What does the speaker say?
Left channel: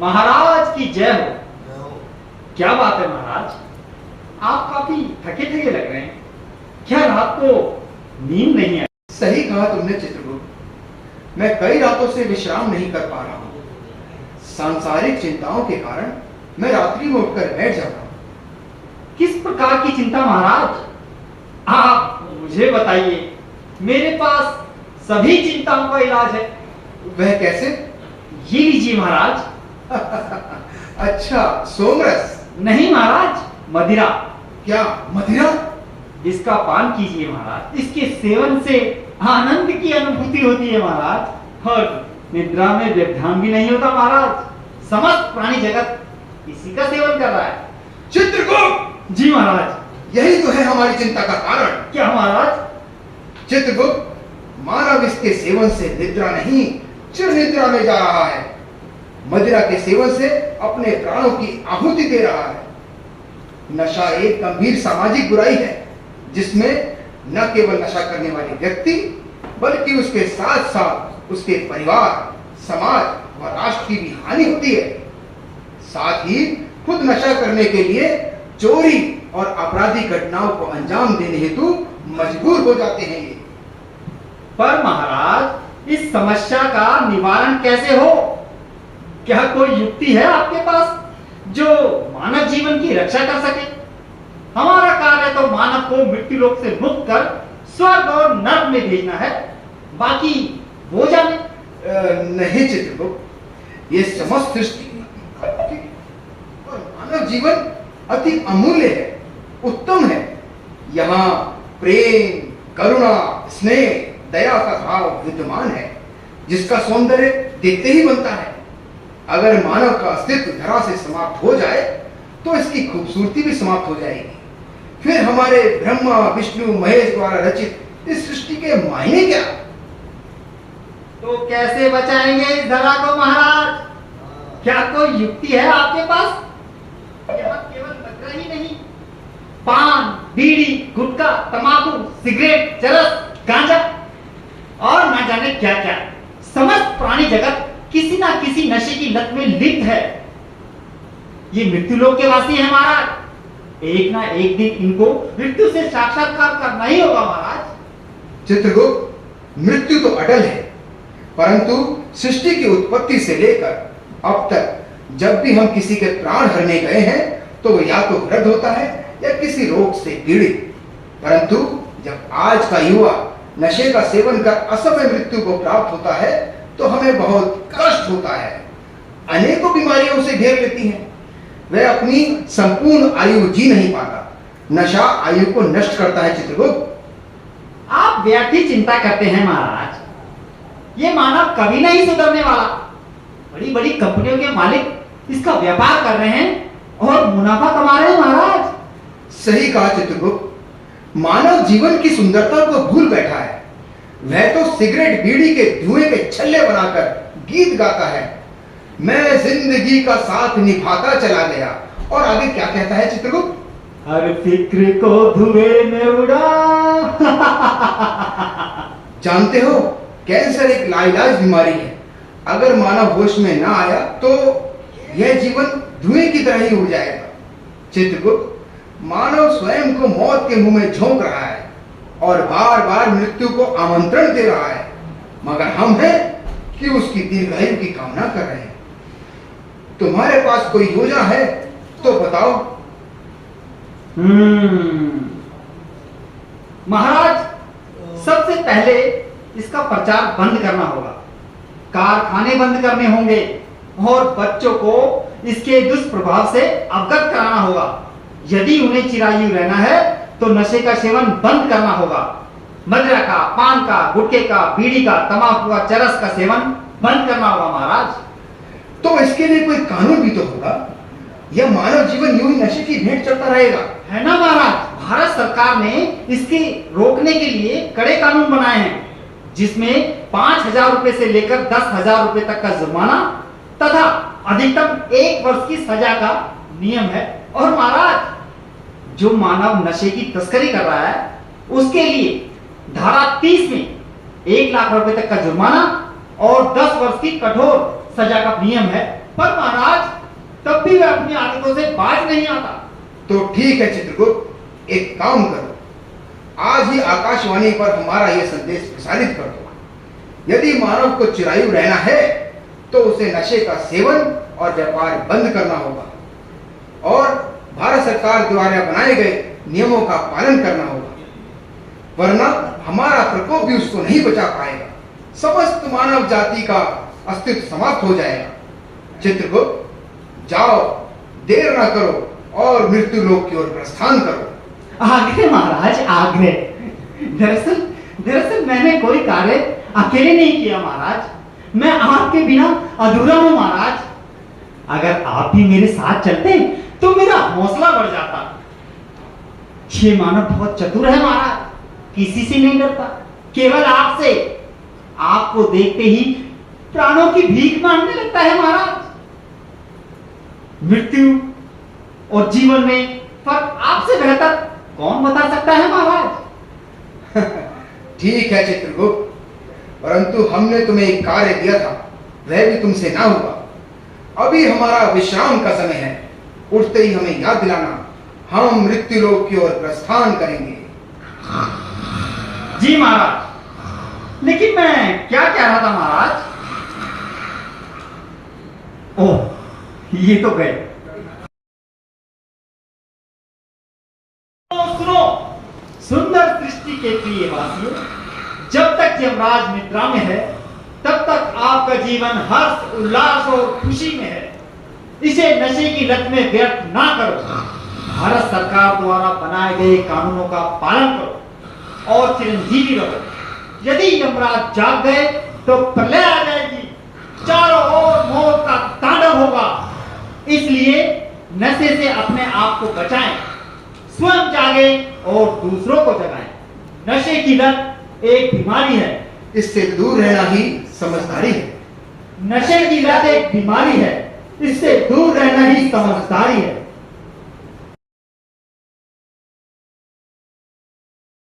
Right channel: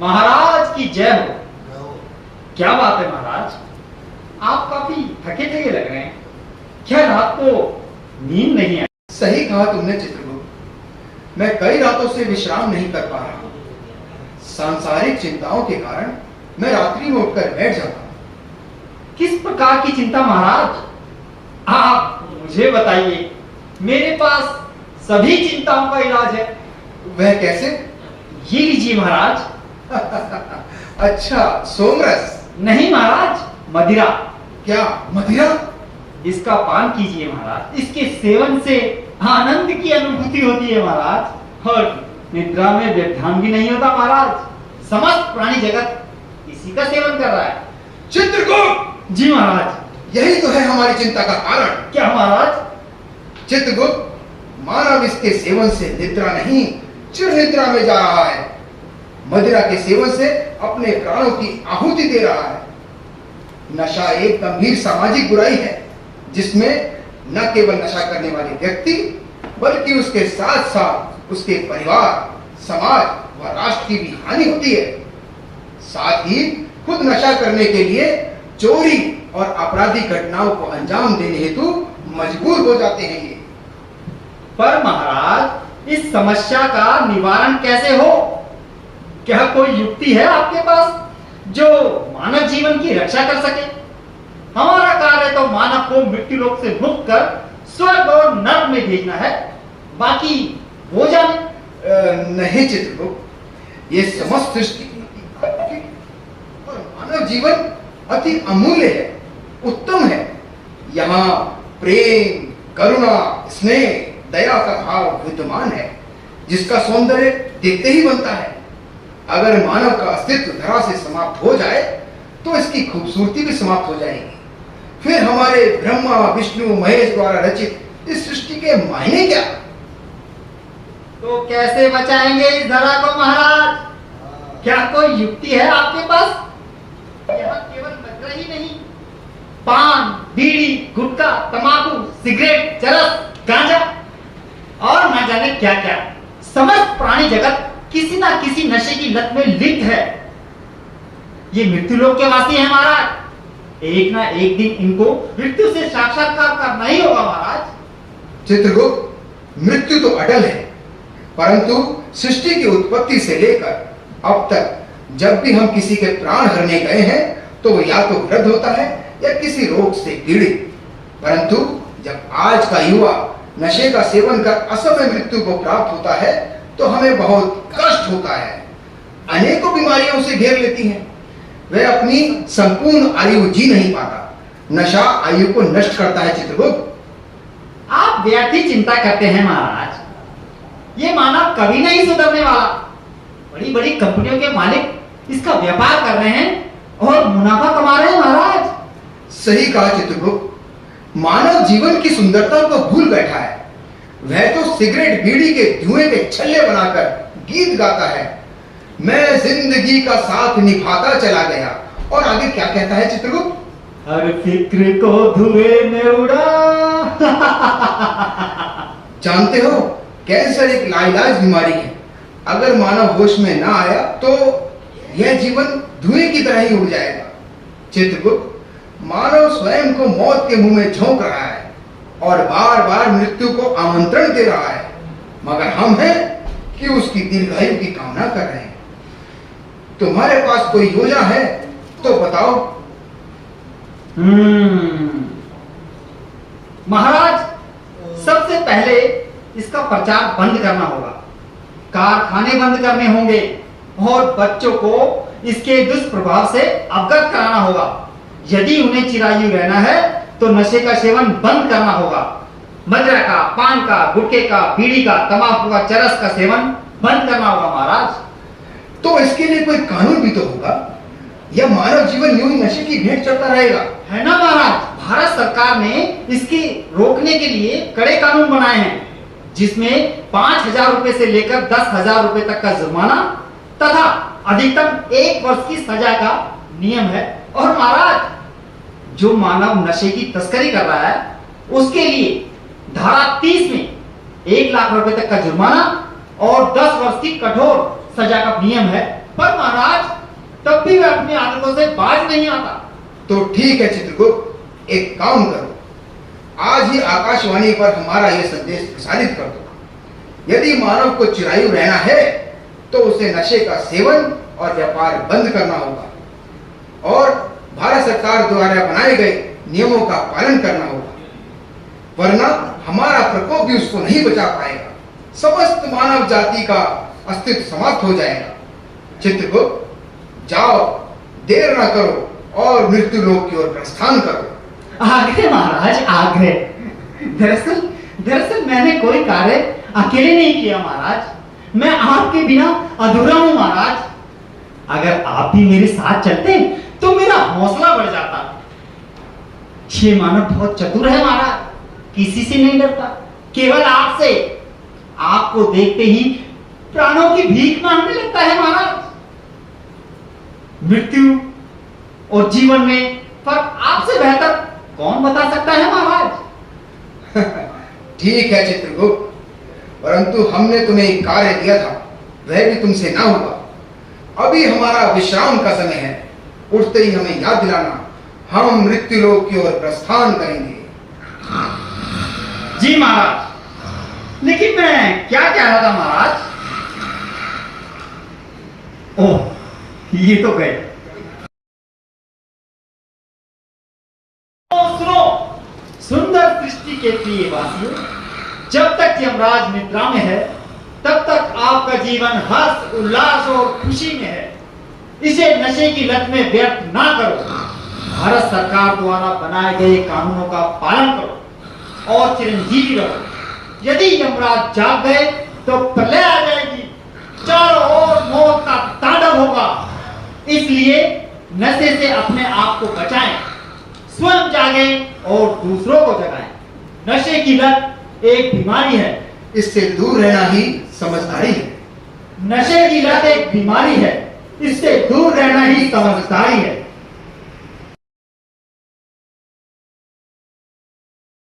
महाराज की जय हो। क्या बात है महाराज, आप काफी थके थके लग रहे हैं। क्या रात को नींद नहीं आई? सही कहा तुमने चित्रगुप्त, मैं कई रातों से विश्राम नहीं कर पा रहा हूँ। सांसारिक चिंताओं के कारण मैं रात्रि में उठकर बैठ जाता हूँ। किस प्रकार की चिंता महाराज? आप मुझे बताइए, मेरे पास सभी चिंताओं का इलाज है। वह कैसे? ये लीजिए महाराज। अच्छा, सोमरस? नहीं महाराज, मदिरा। क्या मदिरा? इसका पान कीजिए महाराज। इसके सेवन से आनंद की अनुभूति होती है महाराज, और निद्रा में व्यवधान भी नहीं होता महाराज। समस्त प्राणी जगत इसी का सेवन कर रहा है। चित्रगुप्त! जी महाराज। यही तो है हमारी चिंता का कारण। क्या महाराज? चित्रगुप्त, मानव इसके सेवन से निद्रा नहीं, चिर निद्रा में जा रहा है। मदिरा के सेवन से अपने प्राणों की आहुति दे रहा है। नशा एक गंभीर सामाजिक बुराई है, जिसमें न केवल नशा करने वाले व्यक्ति बल्कि उसके साथ साथ उसके परिवार, समाज व राष्ट्र की भी हानि होती है। साथ ही खुद नशा करने के लिए चोरी और आपराधिक घटनाओं को अंजाम देने हेतु मजबूर हो जाते हैं ये। पर महाराज, इस समस्या का निवारण कैसे हो? क्या कोई युक्ति है आपके पास जो मानव जीवन की रक्षा कर सके? हमारा कार्य तो मानव को मृत्यु लोक से मुक्त कर स्वर्ग और नर्क में भेजना है, बाकी वो जाने। नहीं चित्रगुप्त, ये समस्त सृष्टि और मानव जीवन अति अमूल्य है, उत्तम है। यहाँ प्रेम, करुणा, स्नेह, दया का भाव विद्यमान है, जिसका सौंदर्य देखते ही बनता है। अगर मानव का अस्तित्व धरा से समाप्त हो जाए तो इसकी खूबसूरती भी समाप्त हो जाएगी। फिर हमारे ब्रह्मा, विष्णु, महेश द्वारा रचित इस सृष्टि के मायने क्या? तो कैसे बचाएंगे इस धरा को महाराज? क्या कोई युक्ति है आपके पास? यहाँ केवल नखरा ही नहीं, पान, बीड़ी, गुटखा, तंबाकू, सिगरेट, चरस, गांजा और न जाने क्या क्या, समस्त प्राणी जगत किसी ना किसी नशे की लत में लिप्त है। ये मृत्यु लोक के वासी हैं महाराज। एक ना एक दिन इनको मृत्यु से साक्षात्कार करना ही होगा महाराज। चित्रगुप्त, मृत्यु तो अटल है, परंतु सृष्टि की उत्पत्ति से लेकर अब तक जब भी हम किसी के प्राण हरने गए हैं तो वो या तो वृद्ध होता है या किसी रोग से पीड़ित। परंतु जब आज का युवा नशे का सेवन कर असमय मृत्यु को प्राप्त होता है तो हमें बहुत कष्ट होता है। अनेकों बीमारियों से घेर लेती हैं। वह अपनी संपूर्ण आयु जी नहीं पाता। नशा आयु को नष्ट करता है। चित्रगुप्त, आप व्यर्थ ही चिंता करते हैं महाराज। ये मानव कभी नहीं सुधरने वाला। बड़ी बड़ी कंपनियों के मालिक इसका व्यापार कर रहे हैं और मुनाफा कमा रहे हैं महाराज। सही कहा चित्रगुप्त, मानव जीवन की सुंदरता को भूल बैठा है। वह तो सिगरेट बीड़ी के धुएं के छल्ले बनाकर गीत गाता है, मैं जिंदगी का साथ निभाता चला गया। और आगे क्या कहता है चित्रगुप्त? हर फिक्र को धुएं में उड़ा। जानते हो, कैंसर एक लाइलाज बीमारी है। अगर मानव होश में ना आया तो यह जीवन धुएं की तरह ही उड़ जाएगा। चित्रगुप्त, मानव स्वयं को मौत के मुंह में झोंक रहा है और बार बार मृत्यु को आमंत्रण दे रहा है, मगर हम हैं कि उसकी दीर्घायु की कामना कर रहे हैं। तुम्हारे पास कोई योजना है तो बताओ। महाराज, सबसे पहले इसका प्रचार बंद करना होगा, कारखाने बंद करने होंगे और बच्चों को इसके दुष्प्रभाव से अवगत कराना होगा। यदि उन्हें चिरायु रहना है तो नशे का सेवन बंद करना होगा। मदिरा का, पान का, गुटखे का, बीड़ी का, तंबाकू का, चरस का सेवन बंद करना होगा महाराज। तो इसके लिए कोई कानून भी तो होगा, या मानव जीवन यूं ही नशे की भेंट चढ़ता रहेगा? है ना महाराज, भारत सरकार ने इसके रोकने के लिए कड़े कानून बनाए हैं, जिसमें 5,000 रुपए से लेकर 10,000 रुपए तक का जुर्माना तथा अधिकतम 1 वर्ष की सजा का नियम है। और महाराज, जो मानव नशे की तस्करी कर रहा है उसके लिए धारा 30 में 1 लाख रुपए तक का जुर्माना और 10 वर्ष की कठोर सजा का नियम है। पर महाराज तब भी वह अपनी आदतों से बाज नहीं आता। तो ठीक है चित्रगुप्त, एक काम करो, आज ही आकाशवाणी पर हमारा यह संदेश प्रसारित कर दो। यदि मानव को चिरायु रहना है तो उसे नशे का सेवन और व्यापार बंद करना होगा और भारत सरकार द्वारा बनाए गए नियमों का पालन करना होगा, वरना हमारा प्रकोप भी उसको नहीं बचा पाएगा। समस्त मानव जाति का अस्तित्व समाप्त हो जाएगा। चित्रगुप्त जाओ, देर न करो और मृत्यु लोक की ओर प्रस्थान करो। आग्रह महाराज, आग्रह। दरअसल मैंने कोई कार्य अकेले नहीं किया महाराज, मैं आपके बिना अधूरा हूं महाराज। अगर आप भी मेरे साथ चलते तो मेरा हौसला बढ़ जाता। ये मानव बहुत चतुर है महाराज, किसी से नहीं डरता, केवल आपसे। आपको देखते ही प्राणों की भीख मांगने लगता है महाराज। मृत्यु और जीवन में फर्क आपसे बेहतर कौन बता सकता है महाराज? ठीक है चित्रगुप्त, परंतु हमने तुम्हें एक कार्य दिया था, वह भी तुमसे ना हुआ। अभी हमारा विश्राम का समय है, उठते ही हमें याद दिलाना, हम मृत्यु लोक की ओर प्रस्थान करेंगे। जी महाराज, लेकिन मैं क्या कह रहा था महाराज? ओह, ये तो गए। सुनो सुंदर सृष्टि के प्रिय वासियों, जब तक यमराज निद्रा में है तब तक आपका जीवन हर्ष उल्लास और खुशी में है। इसे नशे की लत में व्यर्थ ना करो। भारत सरकार द्वारा बनाए गए कानूनों का पालन करो और चिरंजीवी रहो। यदि यमराज जाग गए तो प्रलय आ जाएगी, चारों ओर मौत का तांडव होगा। इसलिए नशे से अपने आप को बचाएं, स्वयं जागें और दूसरों को जगाएं। नशे की लत एक बीमारी है, इससे दूर रहना ही समझदारी है। नशे की लत एक बीमारी है, इससे दूर रहना ही समझदारी है।